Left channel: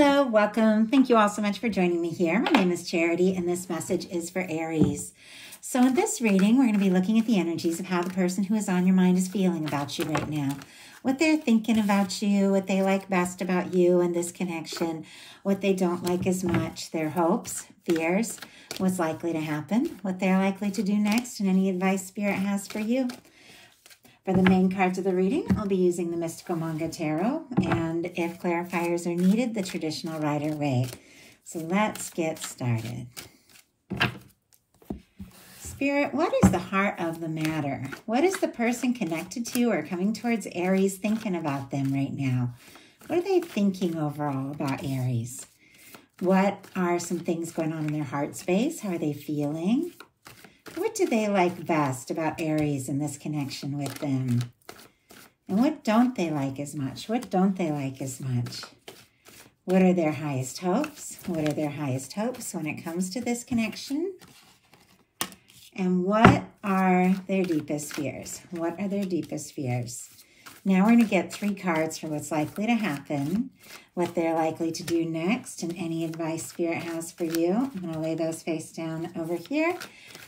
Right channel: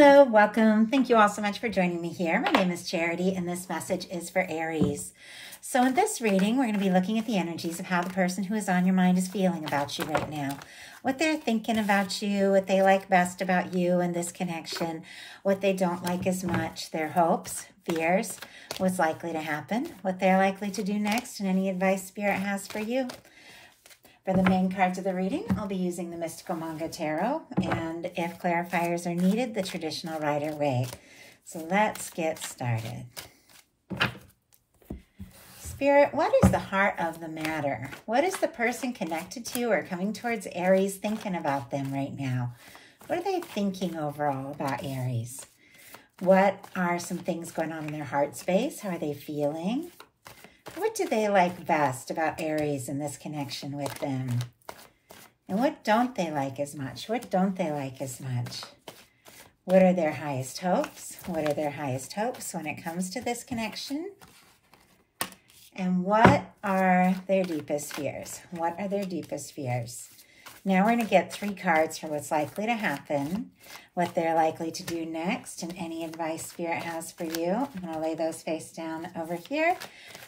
Hello, welcome. Thank you all so much for joining me here. My name is Charity, and this message is for Aries. So in this reading, we're going to be looking at the energies of how the person who is on your mind is feeling about you right now. What they're thinking about you, what they like best about you and this connection, what they don't like as much, their hopes, fears, what's likely to happen, what they're likely to do next, and any advice Spirit has for you. For the main cards of the reading, I'll be using the Mystical Manga Tarot, and if clarifiers are needed, the traditional Rider-Waite. So let's get started. Spirit, what is the heart of the matter? What is the person connected to you or coming towards Aries thinking about them right now? What are they thinking overall about Aries? What are some things going on in their heart space? How are they feeling? What do they like best about Aries and this connection with them? And what don't they like as much? What don't they like as much? What are their highest hopes? What are their highest hopes when it comes to this connection? And what are their deepest fears? What are their deepest fears? Now we're going to get 3 cards for what's likely to happen, what they're likely to do next, and any advice Spirit has for you. I'm going to lay those face down over here,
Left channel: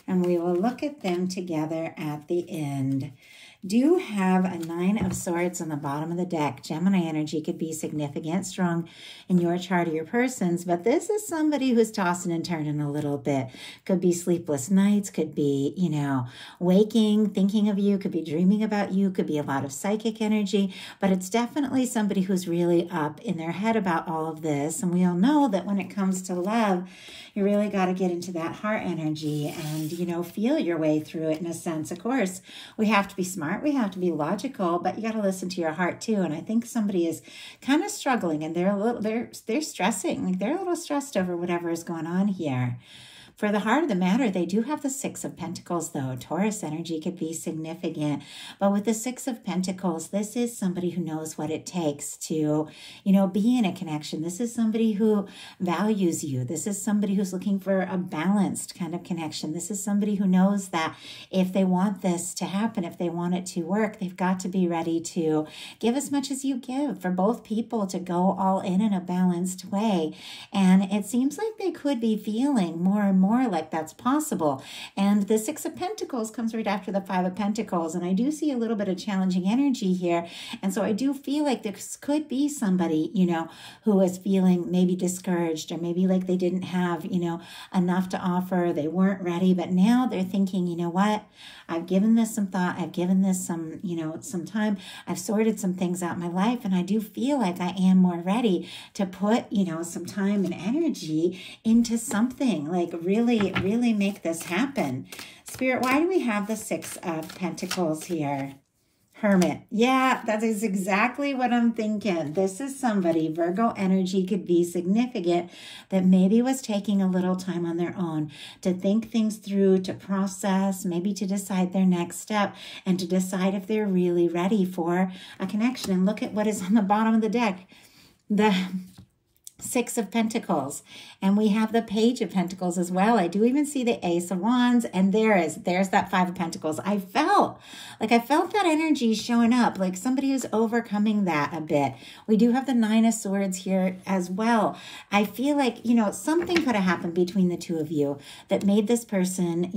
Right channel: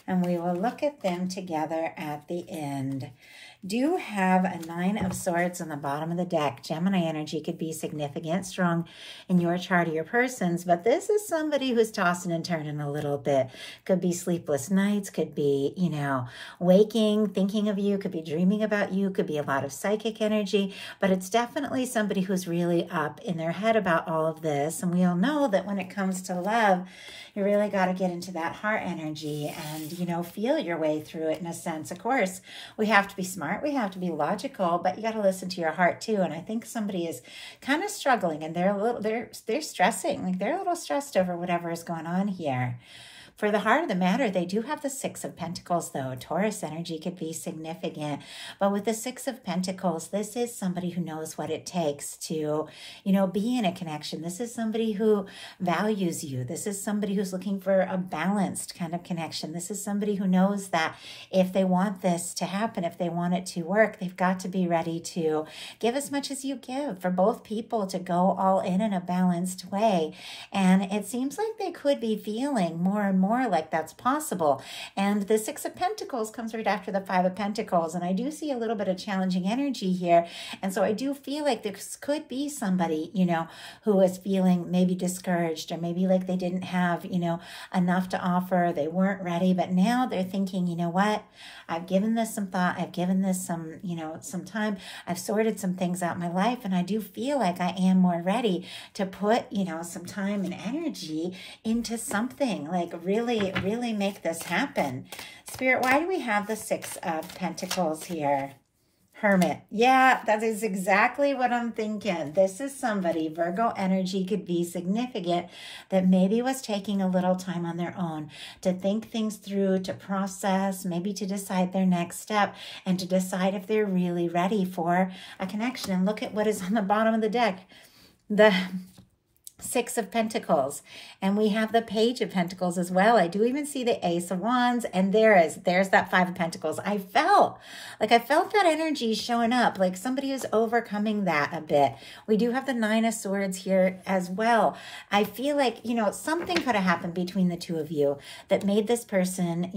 and we will look at them together at the end. Do have a 9 of Swords on the bottom of the deck. Gemini energy could be significant, strong in your chart or your person's, but this is somebody who's tossing and turning a little bit. Could be sleepless nights, could be, waking, thinking of you, could be dreaming about you, could be a lot of psychic energy, but it's definitely somebody who's really up in their head about all of this. And we all know that when it comes to love, you really got to get into that heart energy and, feel your way through it in a sense. Of course, we have to be smart. We have to be logical, but you got to listen to your heart too. And I think somebody is kind of struggling and they're stressing. Like they're a little stressed over whatever is going on here. For the heart of the matter, they do have the 6 of Pentacles, though. Taurus energy could be significant. But with the 6 of Pentacles, this is somebody who knows what it takes to, be in a connection. This is somebody who values you. This is somebody who's looking for a balanced kind of connection. This is somebody who knows that if they want this to happen, if they want it to work, they've got to be ready to give as much as you give for both people to go all in a balanced way. And it seems like they could be feeling more and more like that's possible. And the 6 of Pentacles comes right after the 5 of Pentacles. And I do see a little bit of challenging energy here. And so I do feel like this could be somebody, who is feeling maybe discouraged or maybe like they didn't have, enough to offer. They weren't ready, but now they're thinking, you know what? I've given this some thought. I've given this some, some time. I've sorted some things out in my life. And I do feel like I am more ready to put, some time and energy into something like really make this happen. Spirit, why do we have the 6 of Pentacles here? Hermit. Yeah, that is exactly what I'm thinking. This is somebody, Virgo energy could be significant, that maybe was taking a little time on their own to think things through, to process, maybe to decide their next step, and to decide if they're really ready for a connection. And look at what is on the bottom of the deck. The 6 of Pentacles, and we have the Page of Pentacles as well. I do even see the Ace of Wands, and there's that 5 of Pentacles. I felt that energy showing up, like somebody is overcoming that a bit. We do have the 9 of Swords here as well. I feel like, something could have happened between the two of you that made this person,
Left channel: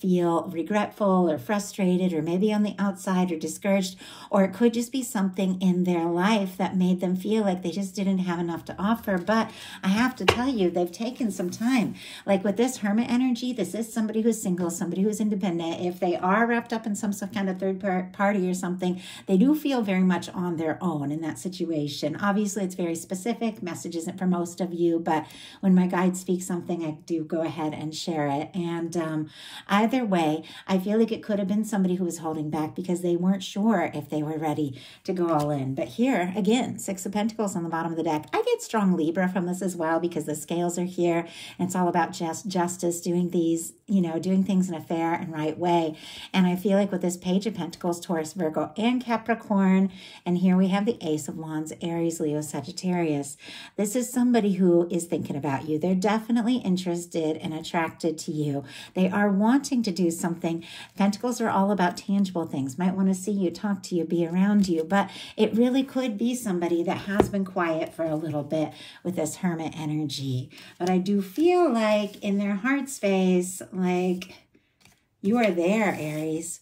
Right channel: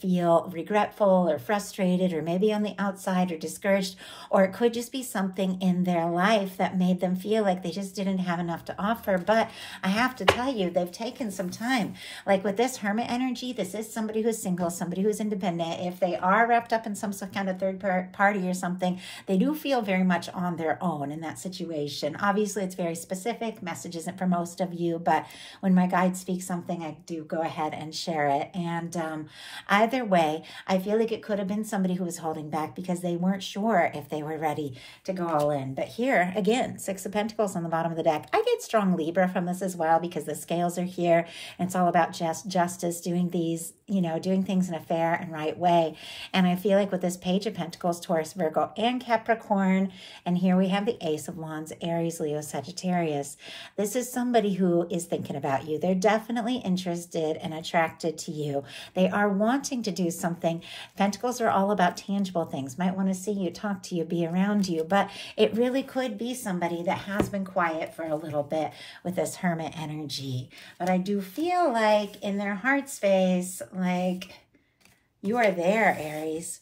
feel regretful or frustrated or maybe on the outside or discouraged, or it could just be something in their life that made them feel like they just didn't have enough to offer. But I have to tell you, they've taken some time. Like with this Hermit energy, this is somebody who's single, somebody who's independent. If they are wrapped up in some kind of third party or something, they do feel very much on their own in that situation. Obviously, it's very specific. Message isn't for most of you, but when my guide speaks something, I do go ahead and share it. And either way, I feel like it could have been somebody who was holding back because they weren't sure if they were ready to go all in. But here, again, 6 of Pentacles on the bottom of the deck. I get strong Libra from this as well because the scales are here. And it's all about justice, doing these, doing things in a fair and right way. And I feel like with this Page of Pentacles, Taurus, Virgo, and Capricorn, and here we have the Ace of Wands, Aries, Leo, Sagittarius. This is somebody who is thinking about you. They're definitely interested and attracted to you. They are wanting to do something. Pentacles are all about tangible things. Might want to see you, talk to you, be around you, but it really could be somebody that has been quiet for a little bit with this Hermit energy. But I do feel like in their heart space, like you are there, Aries.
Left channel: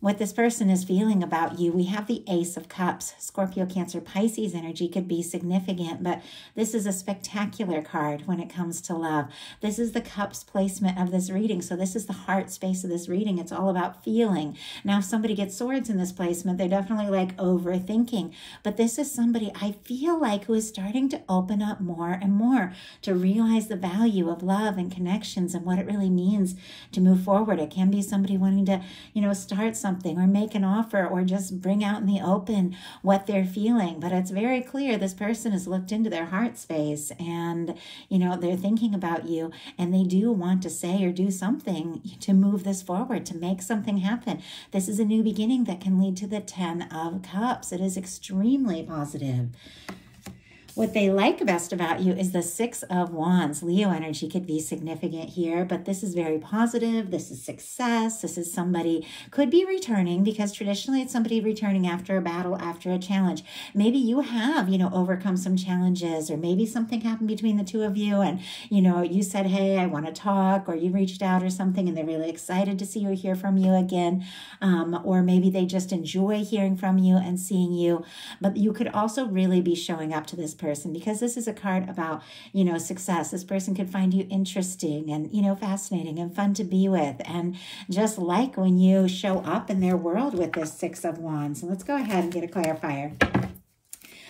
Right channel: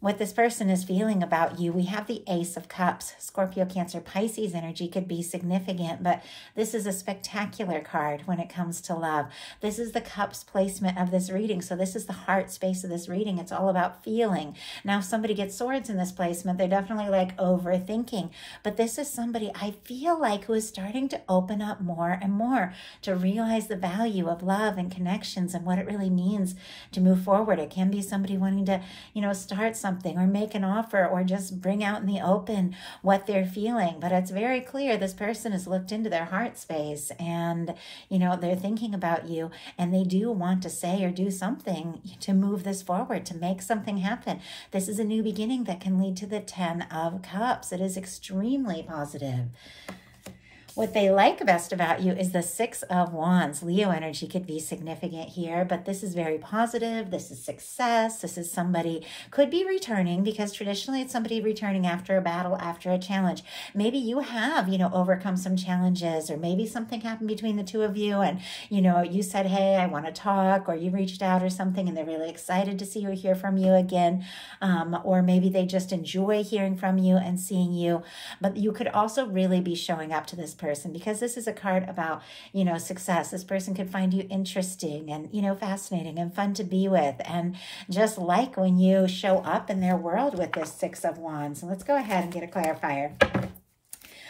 What this person is feeling about you. We have the Ace of Cups. Scorpio, Cancer, Pisces energy could be significant, but this is a spectacular card when it comes to love. This is the Cups placement of this reading, so this is the heart space of this reading. It's all about feeling. Now, if somebody gets swords in this placement, they're definitely like overthinking, but this is somebody I feel like who is starting to open up more and more to realize the value of love and connections and what it really means to move forward. It can be somebody wanting to, start something or make an offer or just bring out in the open what they're feeling. But it's very clear this person has looked into their heart space and, they're thinking about you and they do want to say or do something to move this forward, to make something happen. This is a new beginning that can lead to the 10 of Cups. It is extremely positive. What they like best about you is the 6 of Wands. Leo energy could be significant here, but this is very positive. This is success. This is somebody could be returning, because traditionally it's somebody returning after a battle, after a challenge. Maybe you have, overcome some challenges, or maybe something happened between the two of you and, you said, hey, I want to talk, or you reached out or something and they're really excited to see you or hear from you again. Or maybe they just enjoy hearing from you and seeing you. But you could also really be showing up to this person, because this is a card about, success. This person could find you interesting and, fascinating and fun to be with, and just like when you show up in their world with this 6 of Wands. So let's go ahead and get a clarifier.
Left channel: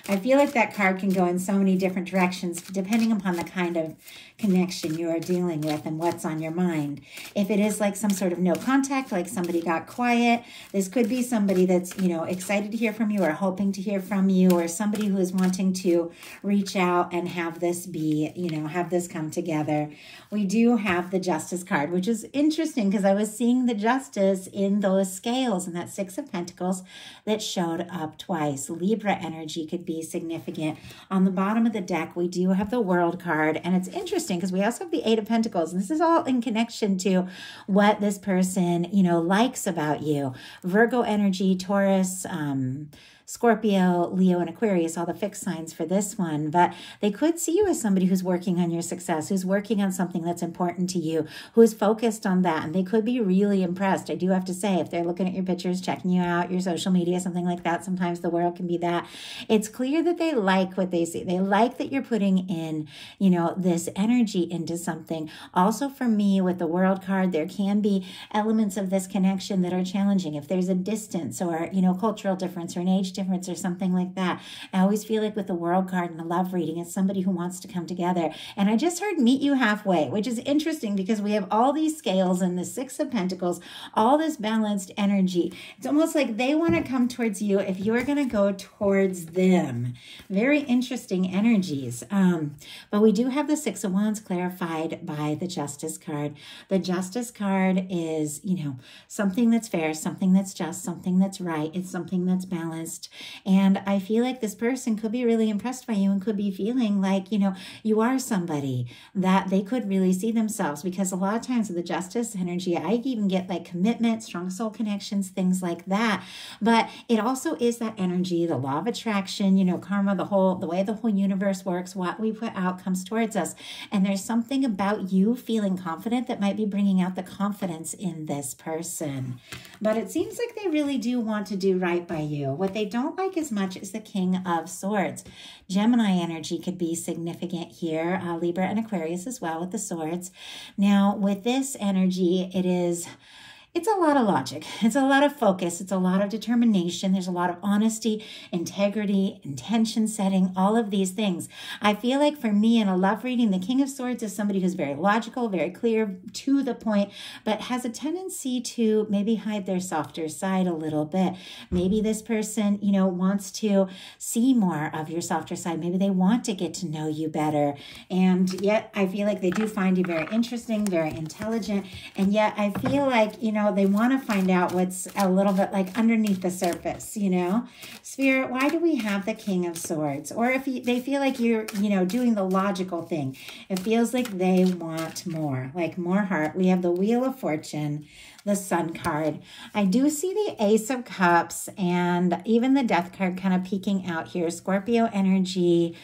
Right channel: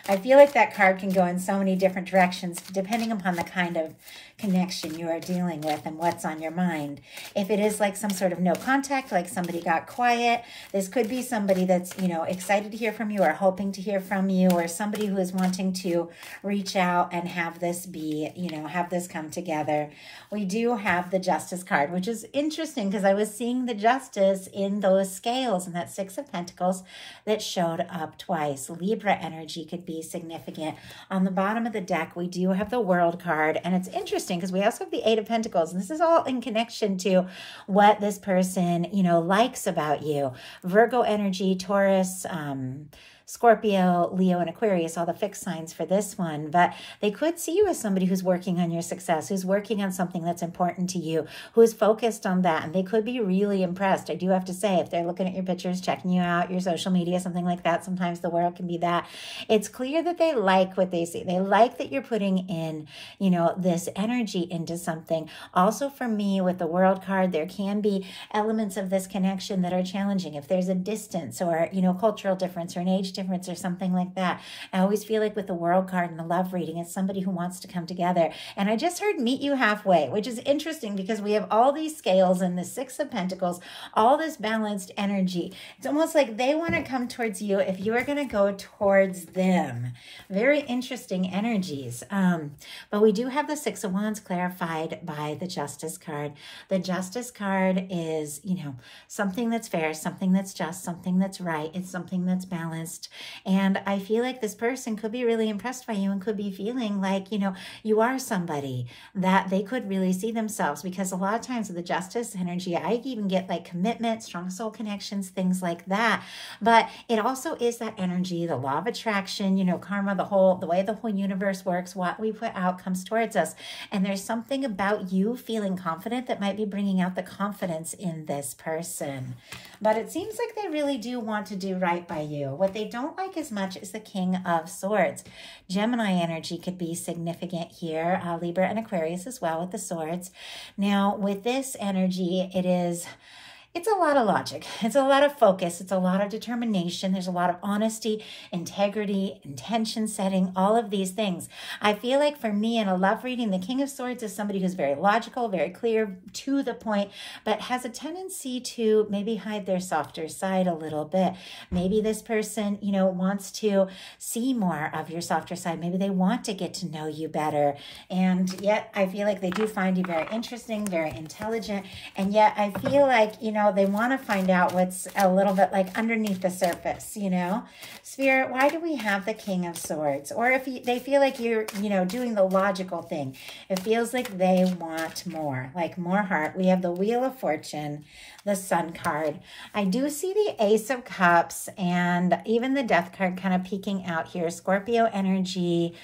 I feel like that card can go in so many different directions depending upon the kind of connection you are dealing with and what's on your mind. If it is like some sort of no contact, like somebody got quiet, this could be somebody that's, excited to hear from you or hoping to hear from you, or somebody who is wanting to reach out and have this be, have this come together. We do have the Justice card, which is interesting because I was seeing the Justice in those scales and that 6 of Pentacles that showed up twice. Libra energy could be significant. On the bottom of the deck, we do have the World card, and it's interesting because we also have the 8 of Pentacles, and this is all in connection to what this person, likes about you. Virgo energy, Taurus, Scorpio, Leo, and Aquarius, all the fixed signs for this one. But they could see you as somebody who's working on your success, who's working on something that's important to you, who's focused on that. And they could be really impressed. I do have to say, if they're looking at your pictures, checking you out, your social media, something like that, sometimes the world can be that. It's clear that they like what they see. They like that you're putting in, this energy into something. Also for me, with the World card, there can be elements of this connection that are challenging. If there's a distance or, cultural difference or an age difference or something like that. I always feel like with the World card and the love reading, it's somebody who wants to come together. And I just heard meet you halfway, which is interesting because we have all these scales and the 6 of Pentacles, all this balanced energy. It's almost like they want to come towards you if you are going to go towards them. Very interesting energies. But we do have the 6 of Wands clarified by the Justice card. The Justice card is, something that's fair, something that's just, something that's right. It's something that's balanced. And I feel like this person could be really impressed by you and could be feeling like, you are somebody that they could really see themselves, because a lot of times with the Justice energy, I even get like commitment, strong soul connections, things like that. But it also is that energy, the law of attraction, karma, the way the whole universe works, what we put out comes towards us. And there's something about you feeling confident that might be bringing out the confidence in this person. But it seems like they really do want to do right by you. What they don't like as much is the King of Swords. Gemini energy could be significant here. Libra and Aquarius as well with the swords. Now, with this energy, it's a lot of logic. It's a lot of focus. It's a lot of determination. There's a lot of honesty, integrity, intention setting, all of these things. I feel like for me in a love reading, the King of Swords is somebody who's very logical, very clear, to the point, but has a tendency to maybe hide their softer side a little bit. Maybe this person, wants to see more of your softer side. Maybe they want to get to know you better. And yet I feel like they do find you very interesting, very intelligent. And yet I feel like, they want to find out what's a little bit like underneath the surface, Spirit, why do we have the King of Swords? Or if they feel like you're, doing the logical thing, it feels like they want more, like more heart. We have the Wheel of Fortune, the Sun card. I do see the Ace of Cups and even the Death card kind of peeking out here. Scorpio energy,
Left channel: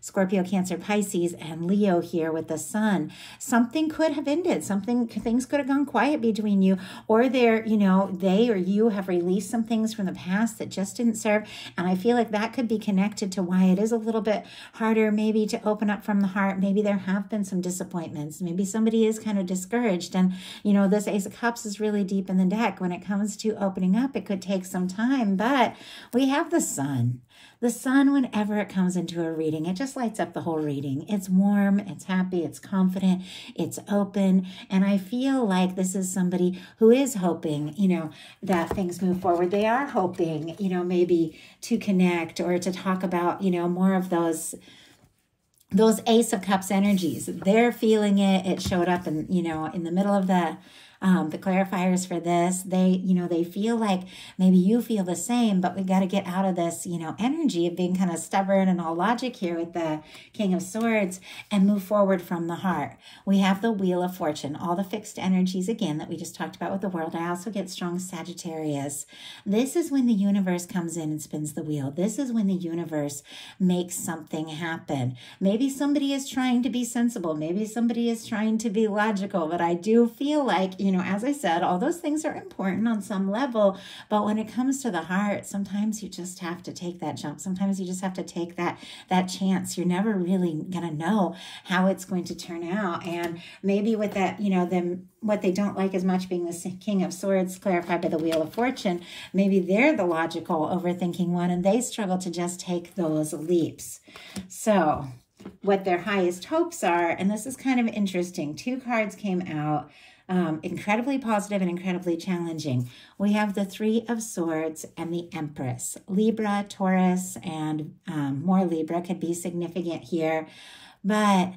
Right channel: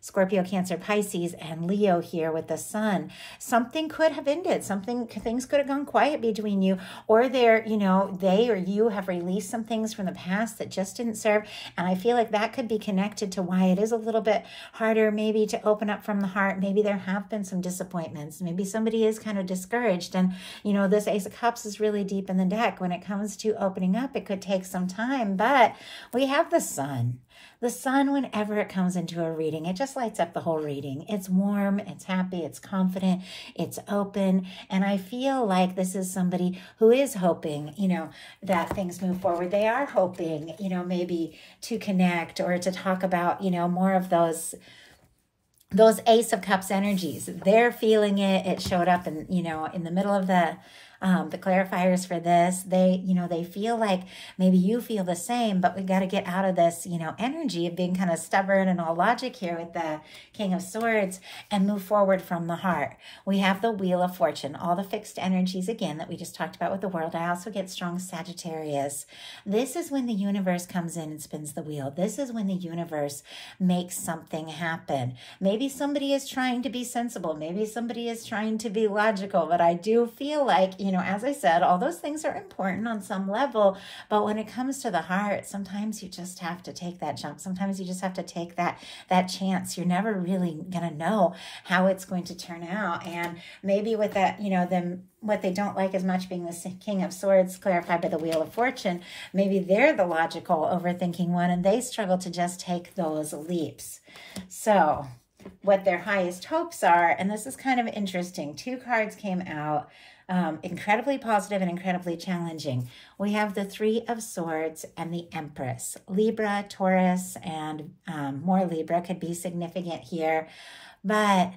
Scorpio, Cancer, Pisces, and Leo here with the sun. Something could have ended. Things could have gone quiet between you, or they or you have released some things from the past that just didn't serve. And I feel like that could be connected to why it is a little bit harder maybe to open up from the heart. Maybe there have been some disappointments. Maybe somebody is kind of discouraged. And, this Ace of Cups is really deep in the deck. When it comes to opening up, it could take some time, but we have the sun. The sun, whenever it comes into a reading, it just lights up the whole reading. It's warm, it's happy, it's confident, it's open. And I feel like this is somebody who is hoping, that things move forward. They are hoping, maybe to connect or to talk about, more of those Ace of Cups energies. They're feeling it. It showed up in, in the middle of the clarifiers for this. They feel like maybe you feel the same, but we've got to get out of this, energy of being kind of stubborn and all logic here with the King of Swords and move forward from the heart. We have the Wheel of Fortune, all the fixed energies again that we just talked about with the world. I also get strong Sagittarius. This is when the universe comes in and spins the wheel. This is when the universe makes something happen. Maybe somebody is trying to be sensible. Maybe somebody is trying to be logical, but I do feel like, as I said, all those things are important on some level, but when it comes to the heart, sometimes you just have to take that jump. Sometimes you just have to take that chance. You're never really going to know how it's going to turn out. And maybe with that, what they don't like as much being the King of Swords clarified by the Wheel of Fortune, maybe they're the logical, overthinking one, and they struggle to just take those leaps. So what their highest hopes are, and this is kind of interesting. Two cards came out. Incredibly positive and incredibly challenging. We have the Three of Swords and the Empress. Libra, Taurus, and more Libra could be significant here. But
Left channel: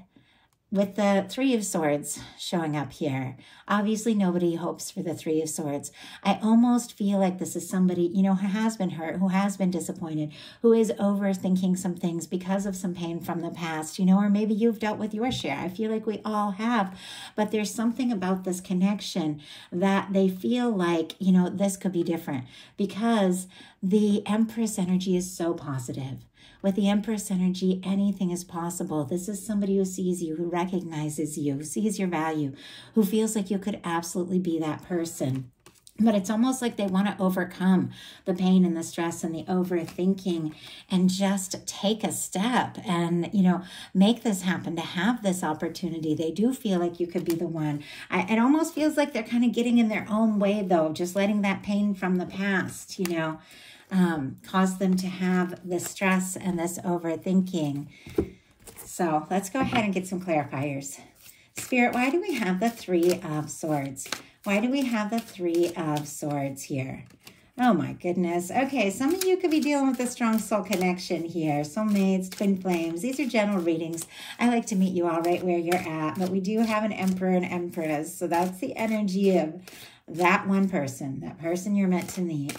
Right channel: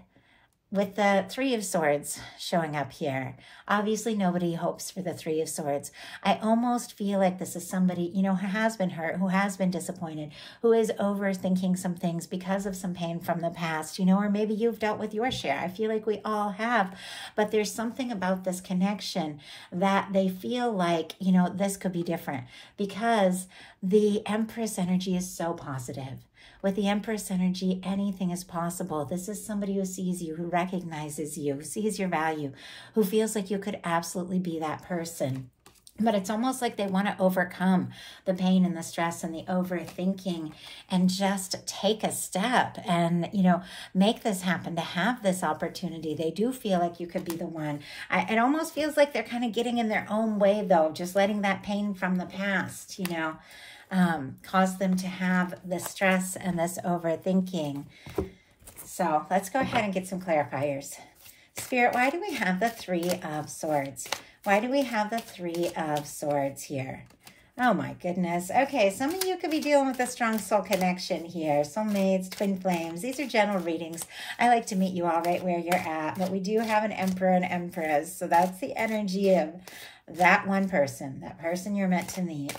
with the Three of Swords showing up here, obviously nobody hopes for the Three of Swords. I almost feel like this is somebody, who has been hurt, who has been disappointed, who is overthinking some things because of some pain from the past, or maybe you've dealt with your share. I feel like we all have, but there's something about this connection that they feel like, this could be different because the Empress energy is so positive. With the Empress energy, anything is possible. This is somebody who sees you, who recognizes you, who sees your value, who feels like you could absolutely be that person. But it's almost like they want to overcome the pain and the stress and the overthinking and just take a step and, make this happen, to have this opportunity. They do feel like you could be the one. It almost feels like they're kind of getting in their own way, though, just letting that pain from the past, cause them to have this stress and this overthinking. So let's go ahead and get some clarifiers. Spirit, why do we have the Three of Swords? Why do we have the Three of Swords here? Oh my goodness. Okay, some of you could be dealing with a strong soul connection here. Soulmates, twin flames. These are general readings. I like to meet you all right where you're at, but we do have an Emperor and Empress. So that's the energy of that one person, that person you're meant to meet.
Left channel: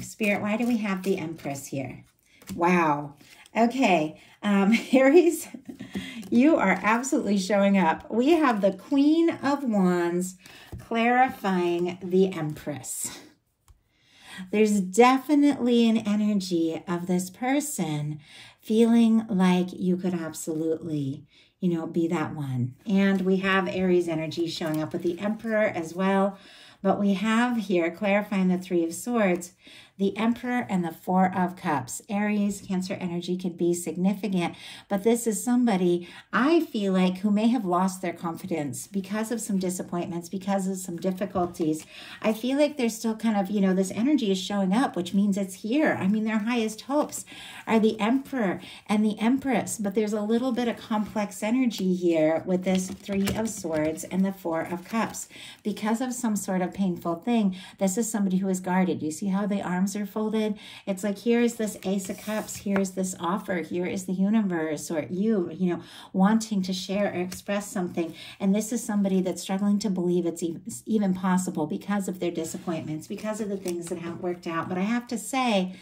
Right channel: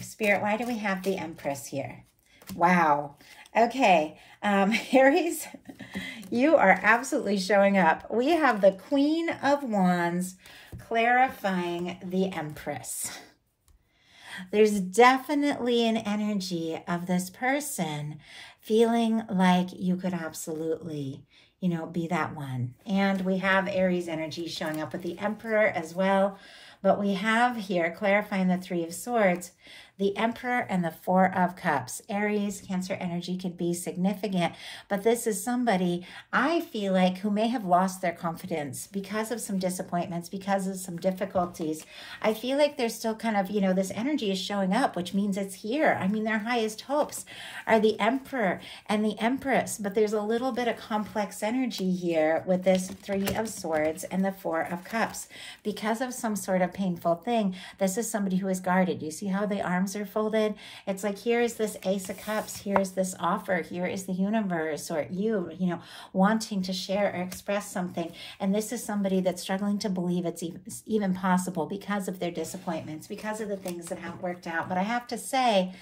Spirit, why do we have the Empress here? Wow. Okay. Aries, you are absolutely showing up. We have the Queen of Wands clarifying the Empress. There's definitely an energy of this person feeling like you could absolutely, be that one. And we have Aries energy showing up with the Emperor as well. But we have here, clarifying the Three of Swords, the Emperor and the Four of Cups. Aries, Cancer energy could be significant, but this is somebody, I feel like, who may have lost their confidence because of some disappointments, because of some difficulties. I feel like they're still kind of, this energy is showing up, which means it's here. I mean, their highest hopes are the Emperor and the Empress, but there's a little bit of complex energy here with this Three of Swords and the Four of Cups. Because of some sort of painful thing, this is somebody who is guarded. You see how the arms are folded? It's like, here is this Ace of Cups, here is this offer, here is the universe, or you wanting to share or express something. And this is somebody that's struggling to believe it's even possible because of their disappointments, because of the things that haven't worked out. But I have to say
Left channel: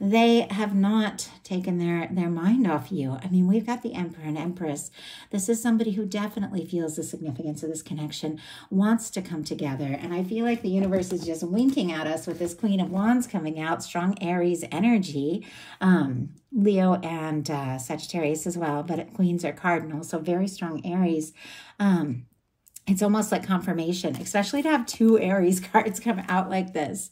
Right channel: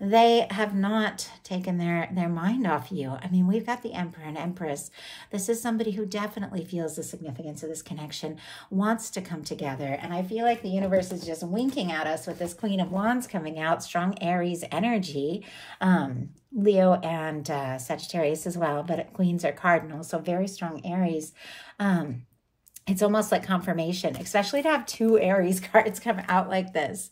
they have not taken their mind off you. I mean, we've got the Emperor and Empress. This is somebody who definitely feels the significance of this connection, wants to come together. And I feel like the universe is just winking at us with this Queen of Wands coming out, strong Aries energy, Leo and Sagittarius as well, but queens are cardinal, so very strong Aries. It's almost like confirmation, especially to have two Aries cards come out like this.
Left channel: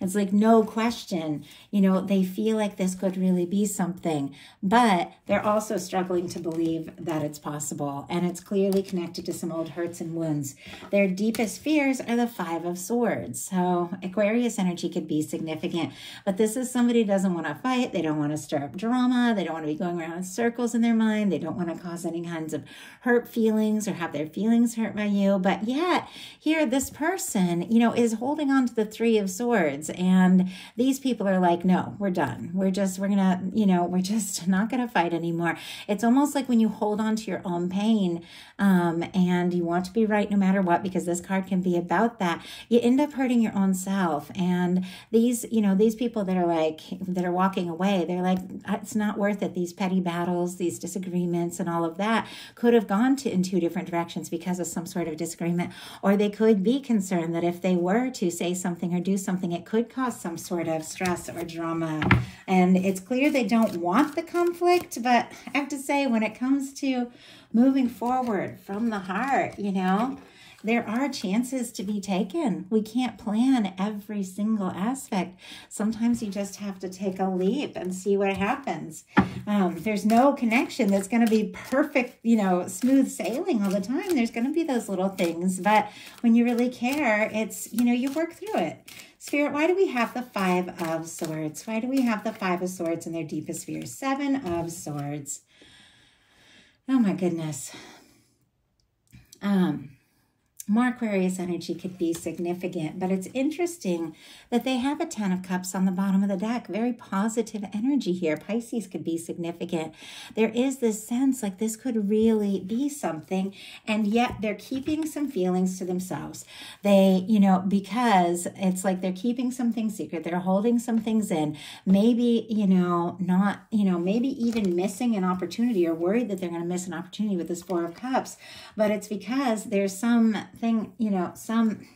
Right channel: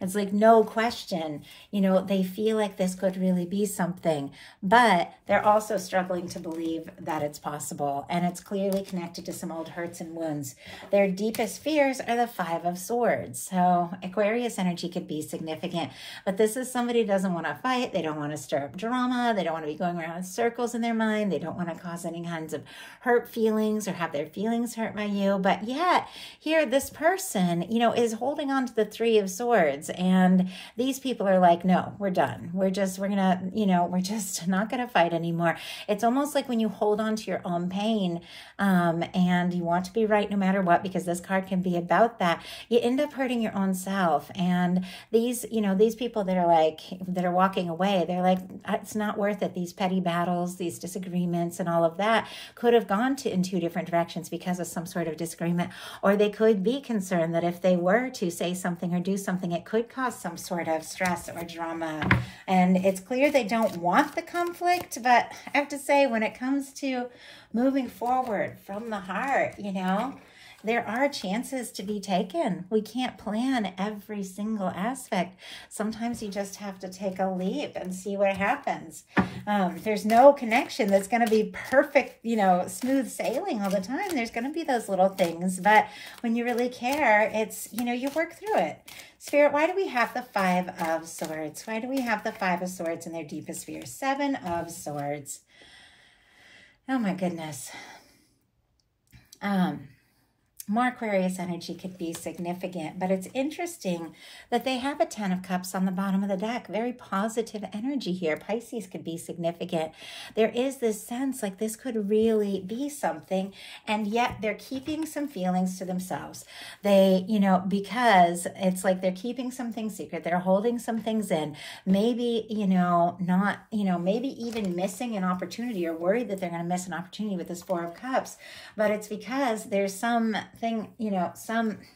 It's like no question, you know, they feel like this could really be something, but they're also struggling to believe that it's possible. And it's clearly connected to some old hurts and wounds. Their deepest fears are the Five of Swords. So Aquarius energy could be significant, but this is somebody who doesn't want to fight. They don't want to stir up drama. They don't want to be going around in circles in their mind. They don't want to cause any kinds of hurt feelings or have their feelings hurt by you. But yet here, this person, you know, is holding on to the Three of Swords, and these people are like, no, we're done. We're just not going to fight anymore. It's almost like when you hold on to your own pain, and you want to be right no matter what, because this card can be about that, you end up hurting your own self. And these, you know, these people that are walking away, they're like, it's not worth it. These petty battles, these disagreements and all of that could have gone in two different directions because of some sort of disagreement, or they could be concerned that if they were to say something or do something, it could cause some sort of stress or drama. And it's clear they don't want the conflict, but I have to say, when it comes to moving forward from the heart, you know, there are chances to be taken. We can't plan every single aspect. Sometimes you just have to take a leap and see what happens. There's no connection that's going to be perfect, you know, smooth sailing all the time. There's going to be those little things, but when you really care, it's, you know, you work through it. Spirit, why do we have the Five of Swords? Why do we have the Five of Swords in their deepest fears? Seven of Swords. Oh my goodness. More Aquarius energy could be significant, but it's interesting that they have a Ten of Cups on the bottom of the deck. Very positive energy here. Pisces could be significant. There is this sense like this could really be something, and yet they're keeping some feelings to themselves. They, you know, because it's like they're keeping some things secret. They're holding some things in. Maybe, you know, not, you know, maybe even missing an opportunity or worried that they're going to miss an opportunity with this Four of Cups, but it's because there's something, you know, some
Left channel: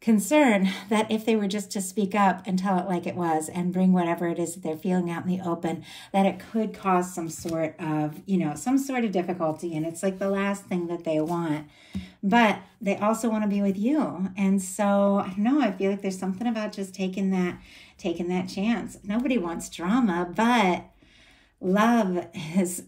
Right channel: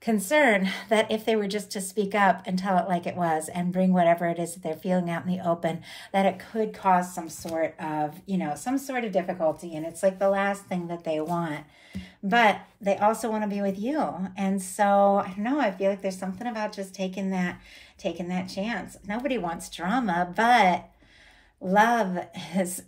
concern that if they were just to speak up and tell it like it was and bring whatever it is that they're feeling out in the open, that it could cause some sort of, you know, some sort of difficulty. And it's like the last thing that they want. But they also want to be with you. And so, I don't know, I feel like there's something about just taking that chance. Nobody wants drama, but love is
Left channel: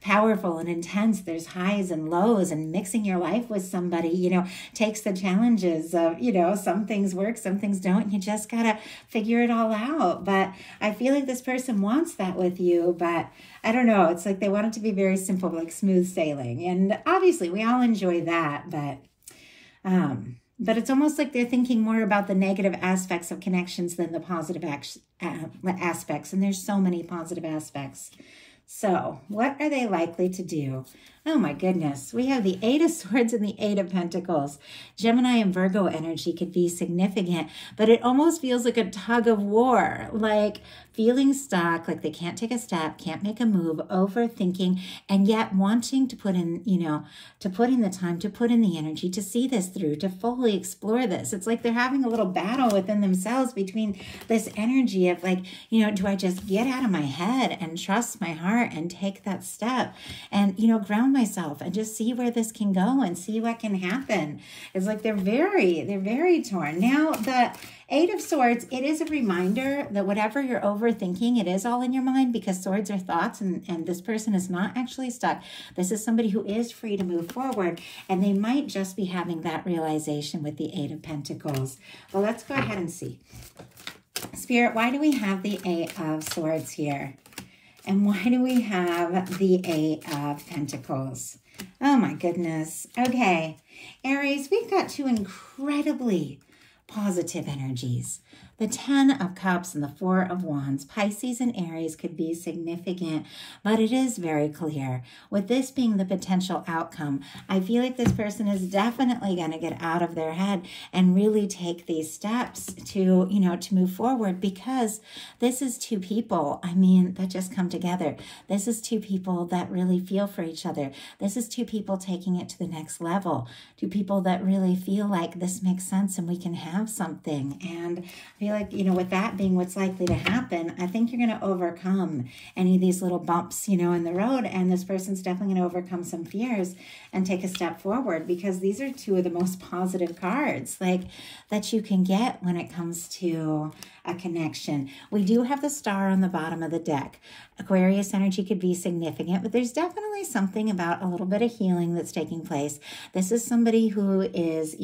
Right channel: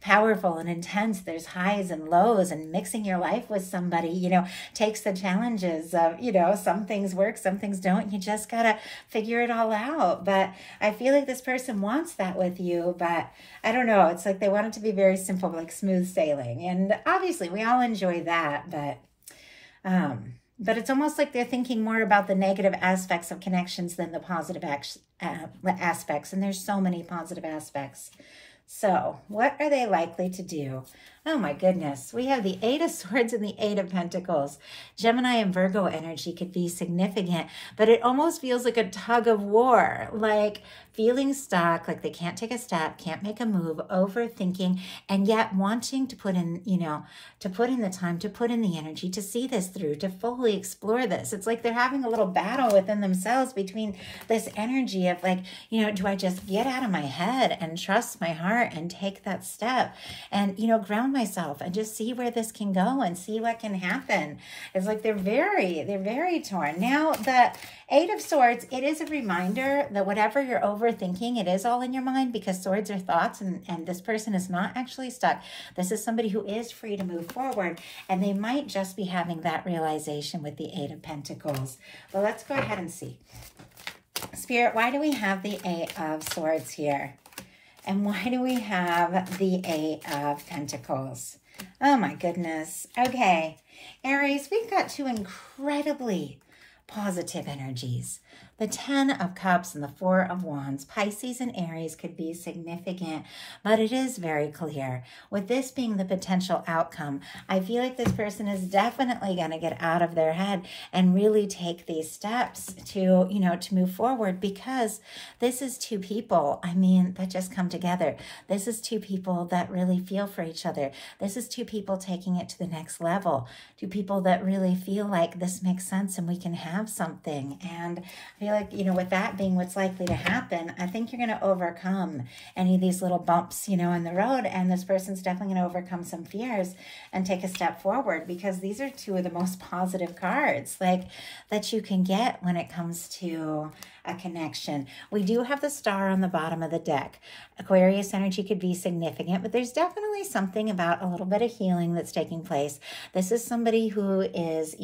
powerful and intense. There's highs and lows, and mixing your life with somebody, you know, takes the challenges of, you know, some things work, some things don't. You just gotta figure it all out. But I feel like this person wants that with you, but I don't know. It's like they want it to be very simple, like smooth sailing. And obviously we all enjoy that, but it's almost like they're thinking more about the negative aspects of connections than the positive aspects. And there's so many positive aspects. So what are they likely to do? Oh my goodness. We have the Eight of Swords and the Eight of Pentacles. Gemini and Virgo energy could be significant, but it almost feels like a tug of war, like feeling stuck, like they can't take a step, can't make a move, overthinking, and yet wanting to put in, you know, to put in the time, to put in the energy, to see this through, to fully explore this. It's like they're having a little battle within themselves between this energy of like, you know, do I just get out of my head and trust my heart and take that step and, you know, ground myself and just see where this can go and see what can happen. It's like they're very torn. Now that Eight of Swords, it is a reminder that whatever you're overthinking, it is all in your mind, because swords are thoughts, and this person is not actually stuck. This is somebody who is free to move forward, and they might just be having that realization with the Eight of Pentacles. Well, let's go ahead and see. Spirit, why do we have the Eight of Swords here? And why do we have the Eight of Pentacles? Oh my goodness. Okay, Aries, we've got two incredibly positive energies. The 10 of Cups and the 4 of Wands. Pisces and Aries could be significant, but it is very clear. With this being the potential outcome, I feel like this person is definitely going to get out of their head and really take these steps to, to move forward, because this is two people, that just come together. This is two people that really feel for each other. This is two people taking it to the next level. Two people that really feel like this makes sense and we can have something. And I feel like, with that being what's likely to happen, I think you're going to overcome any of these little bumps, in the road. And this person's definitely going to overcome some fears and take a step forward, because these are two of the most positive cards that you can get when it comes to a connection. We do have the Star on the bottom of the deck. Aquarius energy could be significant, but there's definitely something about a little bit of healing that's taking place. This is somebody who is,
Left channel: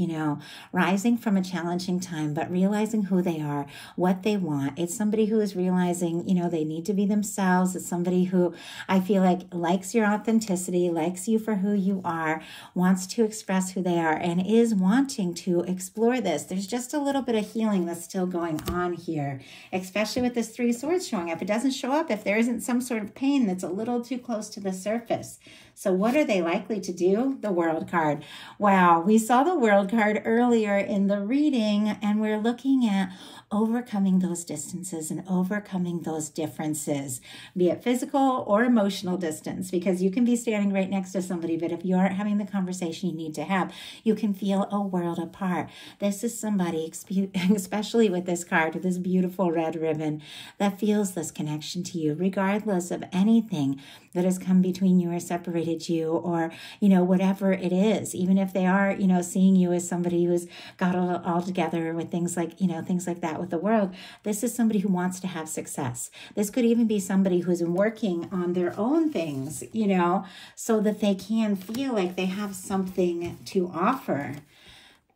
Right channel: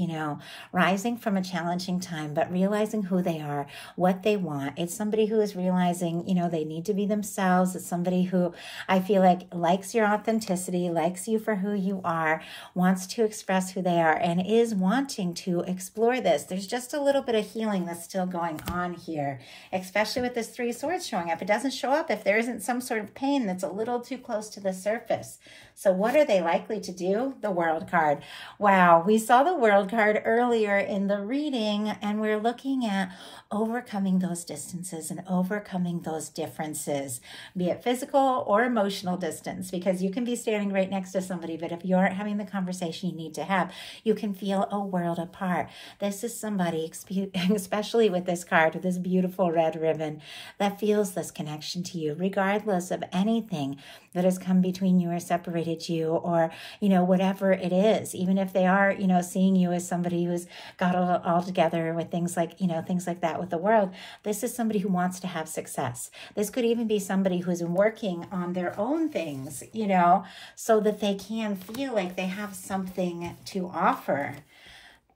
rising from a challenging time, but realizing who they are, what they want. It's somebody who is realizing, they need to be themselves. It's somebody who I feel like likes your authenticity, likes you for who you are, wants to express who they are, and is wanting to explore this. There's just a little bit of healing that's still going on here, especially with this 3 swords showing up. It doesn't show up if there isn't some sort of pain that's a little too close to the surface. So what are they likely to do? The World card. Wow, we saw the World card earlier in the reading, and we're looking at overcoming those distances and overcoming those differences, be it physical or emotional distance, because you can be standing right next to somebody, but if you aren't having the conversation you need to have, you can feel a world apart. This is somebody, especially with this card, with this beautiful red ribbon, that feels this connection to you, regardless of anything that has come between you or separated you, or, whatever it is, even if they are, seeing you as somebody who's got it all together with things like that with the world. This is somebody who wants to have success. This could even be somebody who's working on their own things, so that they can feel like they have something to offer.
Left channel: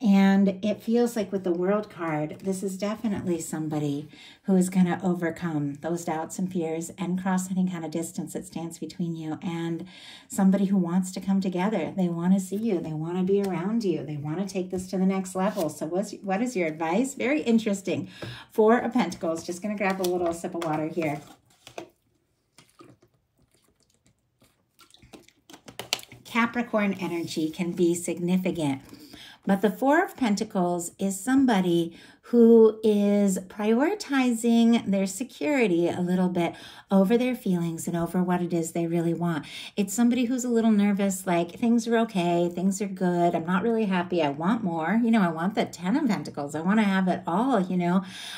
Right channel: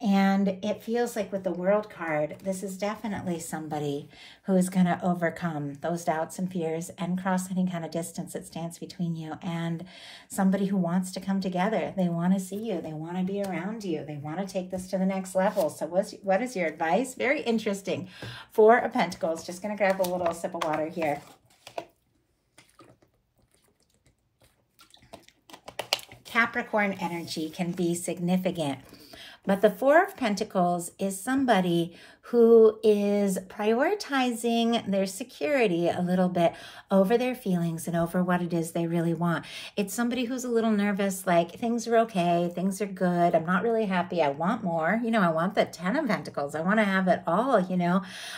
And it feels like with the World card, this is definitely somebody who is going to overcome those doubts and fears and cross any kind of distance that stands between you, and somebody who wants to come together. They want to see you. They want to be around you. They want to take this to the next level. So what is your advice? Very interesting. 4 of Pentacles. Just going to grab a little sip of water here. Capricorn energy can be significant. But the 4 of Pentacles is somebody who is prioritizing their security a little bit over their feelings and over what it is they really want. It's somebody who's a little nervous, like things are okay, things are good, I'm not really happy, I want more. I want the 10 of Pentacles. I want to have it all,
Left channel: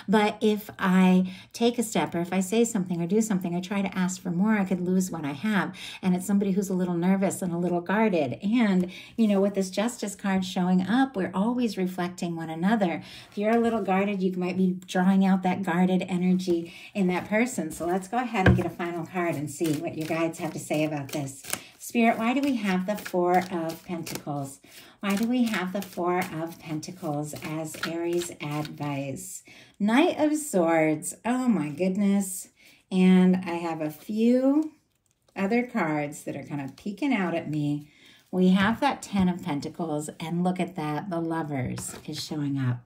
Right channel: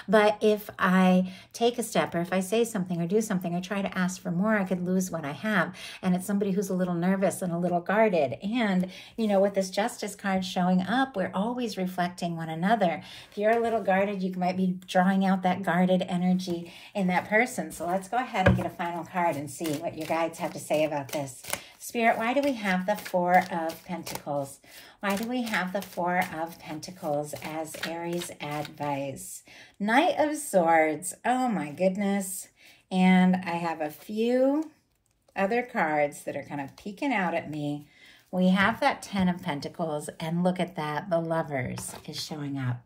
But if I take a step, or if I say something or do something or try to ask for more, I could lose what I have. And it's somebody who's a little nervous and a little guarded. And, with this Justice card showing up, we're always reflecting one another. If you're a little guarded, you might be drawing out that guarded energy in that person. So let's go ahead and get a final card and see what your guides have to say about this. Spirit, why do we have the 4 of Pentacles? Why do we have the 4 of Pentacles as Aries advice? Knight of Swords. Oh my goodness. And I have a few other cards that are kind of peeking out at me. We have that 10 of Pentacles, and look at that. The Lovers is showing up.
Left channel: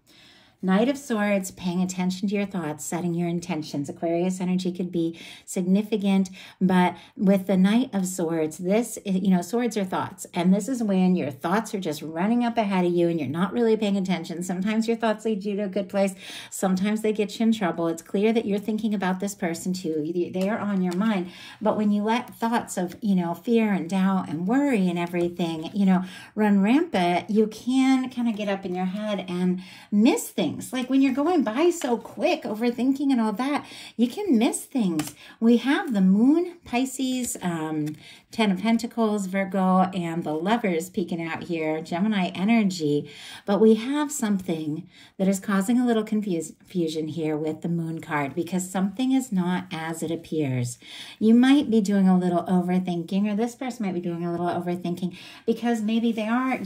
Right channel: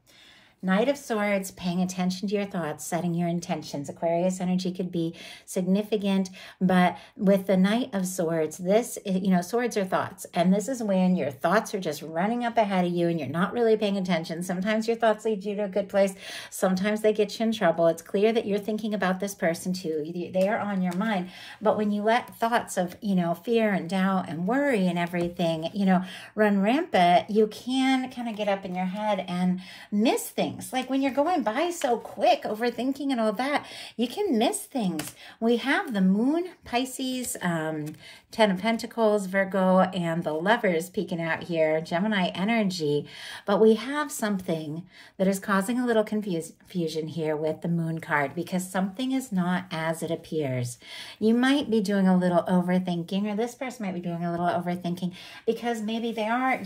Knight of Swords, paying attention to your thoughts, setting your intentions. Aquarius energy could be significant, but with the Knight of Swords, this, swords are thoughts. And this is when your thoughts are just running up ahead of you and you're not really paying attention. Sometimes your thoughts lead you to a good place. Sometimes they get you in trouble. It's clear that you're thinking about this person too. They are on your mind. But when you let thoughts of, fear and doubt and worry and everything, run rampant, you can kind of get up in your head and miss things. Like when you're going by so quick, overthinking and all that, you can miss things. We have the Moon, Pisces, 10 of Pentacles, Virgo, and the Lovers peeking out here, Gemini energy. But we have something that is causing a little confusion here with the Moon card, because something is not as it appears. You might be doing a little overthinking, or this person might be doing a little overthinking because maybe they are,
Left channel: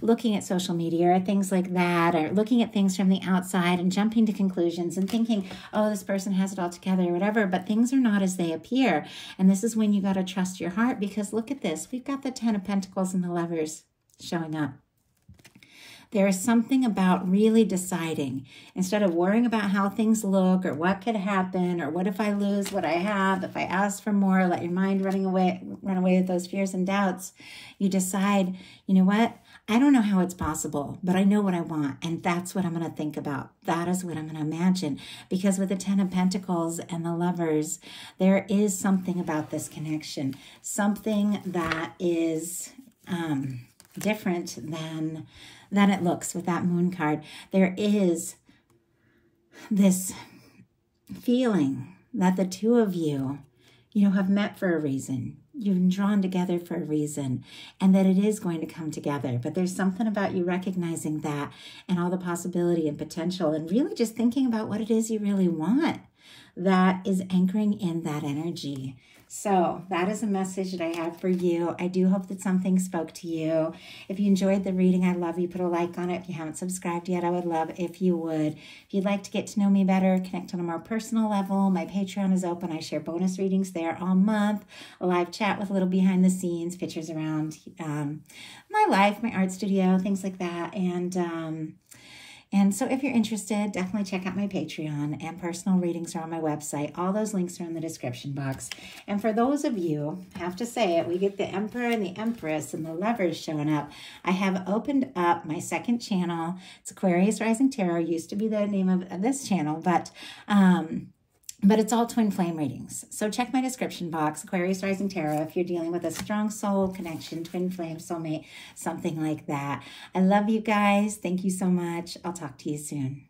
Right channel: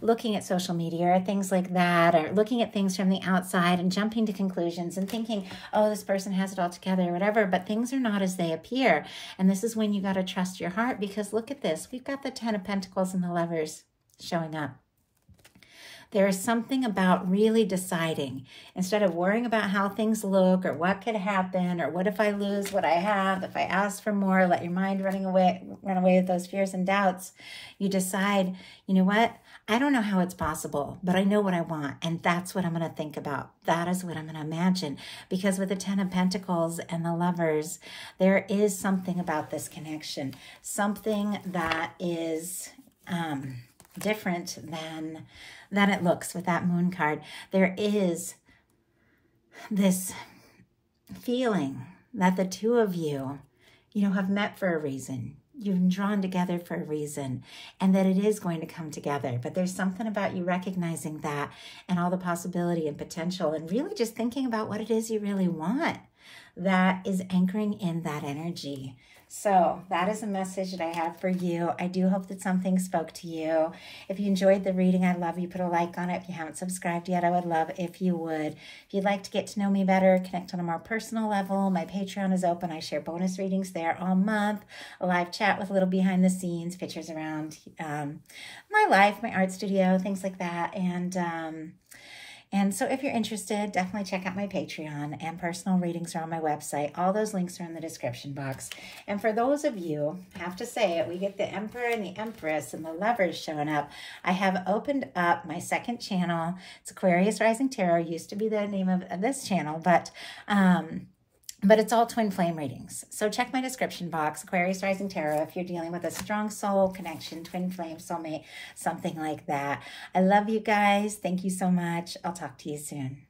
looking at social media or things like that, or looking at things from the outside and jumping to conclusions and thinking, oh, this person has it all together or whatever, but things are not as they appear. And this is when you got to trust your heart, because look at this. We've got the 10 of Pentacles and the Lovers showing up. There is something about really deciding, instead of worrying about how things look or what could happen or what if I lose what I have, if I ask for more, let your mind run away with those fears and doubts. You decide, you know what? I don't know how it's possible, but I know what I want, and that's what I'm going to think about. That is what I'm going to imagine, because with the Ten of Pentacles and the Lovers, there is something about this connection, something that is different than it looks with that Moon card. There is this feeling that the two of you, have met for a reason. You've been drawn together for a reason, and that it is going to come together. But there's something about you recognizing that and all the possibility and potential, and really just thinking about what it is you really want, that is anchoring in that energy. So that is a message that I have for you. I do hope that something spoke to you. If you enjoyed the reading, I'd love you put a like on it. If you haven't subscribed yet, I would love if you would. If you'd like to get to know me better, connect on a more personal level, my Patreon is open. I share bonus readings there all month, a live chat with a little behind the scenes, pictures around my life, my art studio, things like that. And so if you're interested, definitely check out my Patreon, and personal readings are on my website. All those links are in the description box. And for those of you, I have to say it, we get the Emperor and the Empress and the Lovers showing up. I have opened up my second channel. It's Aquarius Rising Tarot. Used to be the name of this channel, but it's all twin flame readings. So check my description box, Aquarius Rising Tarot, if you're dealing with a strong soul connection, twin flame, soulmate, something like that. I love you guys. Thank you so much. I'll talk to you soon.